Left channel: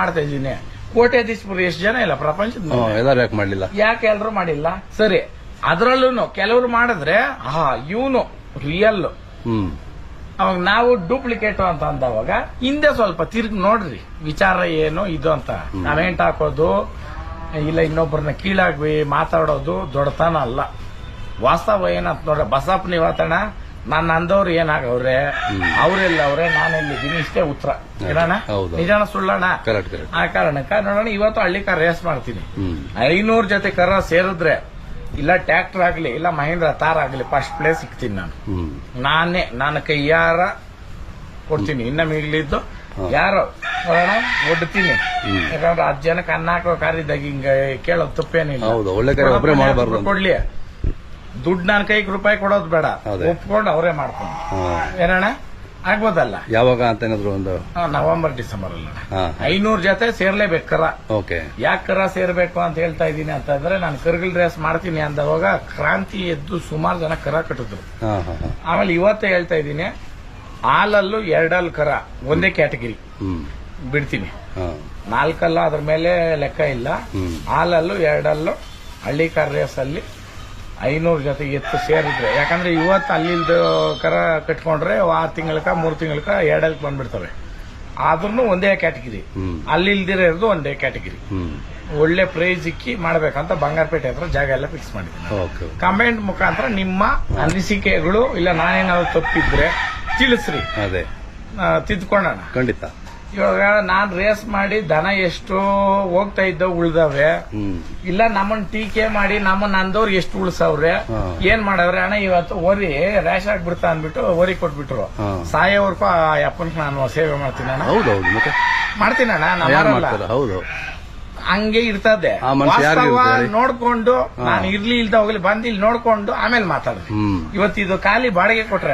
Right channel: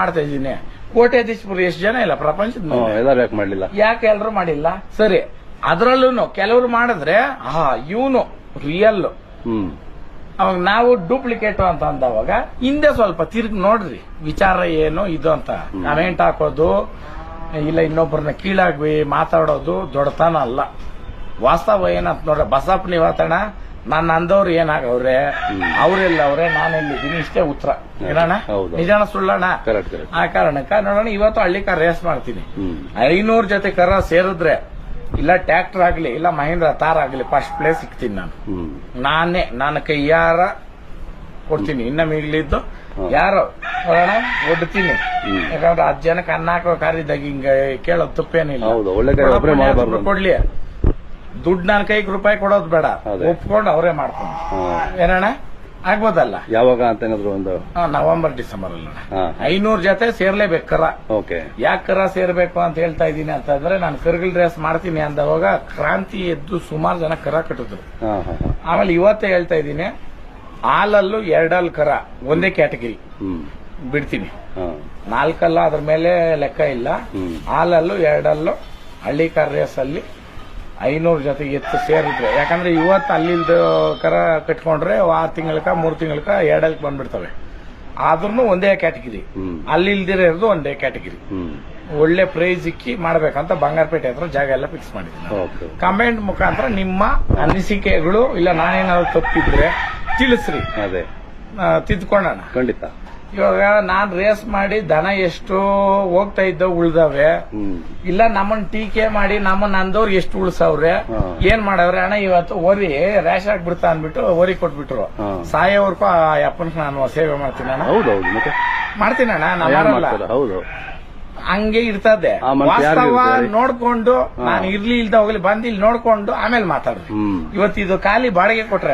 ಮಾಡ್ತಾ ಇದ್ದೀನಿ. ಕೋಟ್ಯಾಧೀಶರು ಎಷ್ಟು ಜನ ಇಲ್ಲ ಪ್ರಪಂಚದ ಮೇಲೆ, ಎಲ್ಲರೂ ಯಾಕೆ ಮಾಡ್ಲಿಲ್ಲ? ಯಾಕೆ ಎಲ್ರು ಮಾಡಿಲ್ಲ? ಸರಿ, ಅದ್ರಲ್ಲೂ ಕೆಲವರು ಮಾಡಿದ್ರೆ ಇವನು ರಿಯಲ್, ಅವಾಗ ನಾವು ಡೂಪ್ಲಿಕೇಟ್ ಅಂತ ಅಂದವಾಗ ಹಿಂದೆ ಸ್ವಲ್ಪ ತಿರುಗಿ ನೋಡ್ರಿ ವಿಚಾರ ಏನು ಇದು ಅಂತ. ಕಮೆಂಟ್ ಹಾಕೋದು ಇಲ್ಲ ಇನ್ನೊಬ್ಬರನ್ನ ಕೀಳಾಗಿ ಮಾತಾಡೋದು ದೊಡ್ಡತನ ಅಲ್ಲ. ವಾಸ್ತವ ಏನಂತ ನೋಡ್ರೆ, ಬಸಪ್ಪನ ಇವತ್ತಣ್ಣ ನನ್ನ ಅಂದವ್ರು ಏನಾಗವ್ರೆ, ಅವ್ರೆಲ್ಲ ಅವ್ರೆ, ನಾನೆಲ್ಲಿದ್ದೀನಿ, ಇಷ್ಟೇ ಉತ್ತರ. ಏನಣ್ಣ ನಿಜಾನ ಸುಳ್ಳಣ್ಣ? ಆ ಕಾರಣಕ್ಕ ನೋಡೋಣ, ಇವತ್ತು ಹಳ್ಳಿ ಕಾರ್ ರೇಸ್ ಮಾಡ್ತೀನಿ. 500 ಜೊತೆ ಕರ ಸೇರಿದ್ರೆ ಇಲ್ಲ ಟ್ರ್ಯಾಕ್ಟರ್ ಆಗ್ಲಿ ಇಲ್ಲ ಮಹೇಂದ್ರ ತಾರ್ ಆಗ್ಲಿ ಫಸ್ಟ್ ಪ್ಲೇಸ್ ಸಿಗ್ತೀನಿ ನಾನು. ನನ್ನ ಕೈಯಾರ ಕೊಡ್ತೀನಿ. ಇನ್ನ ಮಿಗ್ಲಿದ್ದು ಯಾರೋ ನೋಡೋಣ ಒಡ್ತೀನಿ. ಯಾಕಂದ್ರೆ 10 ಜನಕ್ಕೆ ಅನ್ನ ಹಾಕೋ ಕಾರಿದ್ದಾಗ ಹಿಂಗ ಕೇಳೋದು ತಪ್ಪೇನಿಲ್ಲ. ಕೊಡ್ಲಿ ದುಡ್ಡು ನನ್ನ ಕೈಗೆ ರೂಪಾಯಿ ಕೊಡೋದು ಬೇಡ, ಒಪ್ಕೊಂಡು ಅವರೇ ಮಾಡ್ಕೊಂಡು ಏನಣ್ಣ ಆಗ್ಬೋದಲ್ಲ. ಯಾವಾಗ ಅಂತ ಒಂದು ನವೆಂಬರ್ ಡಿಸೆಂಬರ್ ಅಲ್ಲ 500 ಜೊತೆ ಸೇರ್ಲೇಬೇಕು ಕರ. ಯಾಕೆ ಕರ ಸೇರ್ಬೇಕು ಅಂತ ಹೇಳ್ತಾ ಇದ್ದೀನಿ ಅಂತಂದ್ರೆ, ನಾನು ಕರ್ಗಿಲ್ ರೇಸ್ ಮಾಡ್ತೀನಿ ಅಂದವಾಗ ಕ್ರಾಂತಿ ಎದ್ದು ಸುಮಾರು ಜನ ಕರ ಕಟ್ಟಿದ್ರು. ಆಮೇಲೆ ಇವತ್ತೇ ಹೇಳ್ತಾ ಇದ್ದೀನಿ, ಹಾಲಲ್ಲೂ 2 ಕರ ಒಂದೇ ಕ್ಯಾಟಗಿರಿ ಬಿಡ್ತೀನಿ. 4 ಅದ್ರ ಮೇಲೆ ಲೆಕ್ಕ ಇಲ್ಲ. ಹಾಲಲ್ಲೂ 2 ಹಳ್ಳಿ ಕಾರ್ ರೇಸ್ ಅಲ್ಲಿ 500 ಜೊತೆ ಎತ್ತು ಸೇರಿದ್ರೆ, ಯಾಕಂದ್ರೆ ಇವತ್ತು ಅಲ್ಲಿಲ್ದ ಕರ ಕಟ್ಕೊಂಡ್ರೆ 6 ತಿಂಗಳಕ 3 ತಿಂಗಳಕ 2 ಬಂದ್ಬಿಡ್ತವೆ. ಆದ್ರೂ ಒಂದೇ ಕ್ಯಾಟಗಿರಿ, ಅಲ್ಲಿಲ್ದಿರೋದು ಒಂದೇ ಕ್ಯಾಟಗಿರಿ. ಒಳ್ಳೆ ಪ್ರೈಸ್ ಇಕ್ಕಿ ಮಾಡ್ಬೇಕಂತ ಬಂಗಾರಪೇಟೆ ಹತ್ರ ಜಾಗ ಎಲ್ಲ ಫಿಕ್ಸ್ ಮಾಡಿದ್ದೀನಿ. ಕಮೆಂಟ್ ಮುಖಾಂತರ ನಿಮ್ಮ ಅನಿಸಿಕೆಗಳು ಇಲ್ಲ ನಾನೇನಾದ್ರು ತಪ್ಪಿದ್ರೆ ತಿಳಿಸ್ರಿ, ತಿದ್ಕೊಳ್ಳೋಣ ಖಂಡಿತ. ಇವಾಗ ನಾನ್ ರೇಸ್ ಮಾಡಿ ದನ ಎಷ್ಟು ಹೋಗ್ತಾ ಇದ್ದ ಉಳ್ದವೆ, ಇಲ್ಲ ನಮ್ಮನ್ನ ಟೀಕೆ ಮಾಡಿ ನಮ್ಮನ್ನ ಅಂದವ್ರು ಎಷ್ಟು ಉಳ್ಸವ್ರೆ, ಏನ್ ಮಾಡವ್ರೆ ಅಣ್ಣ ಇವತ್ತು ಓರಿ ರ್ಯಾಶ್ ಆಗ್ಬಿಡ್ತಾ ಅಂದ್ಬಿಟ್ಟು ಓರಿ ಕೊಟ್ಬಿಟ್ರು. ಸಾಯೋವರ್ಗೂ ಆ ಅಪ್ಪನ ನಾನು ಸೇವೆ ಮಾಡ್ತೀನಿ ಅಣ್ಣ. ಮಾಡ್ತೀನಿ ಅಣ್ಣ, ನಾವಲ್ಲ ಹಂಗೆ ಇರ್ತದೆ. ವಾಸ್ತವ ನೋಡ್ಕೊಂಡು ನಾನು ಇರ್ಲಿ ಇಲ್ದ ಹೋಗ್ಲಿ ಬಂದು ಇಲ್ಲಿ ನೋಡ್ಕೊಂಡು ಆಮೇಲೆ ಮಾತಾಡ್ರಿ. ಇವತ್ತು ಇದು ಖಾಲಿ ಬಾಡಿಗೆ ಕೊಟ್ರೆ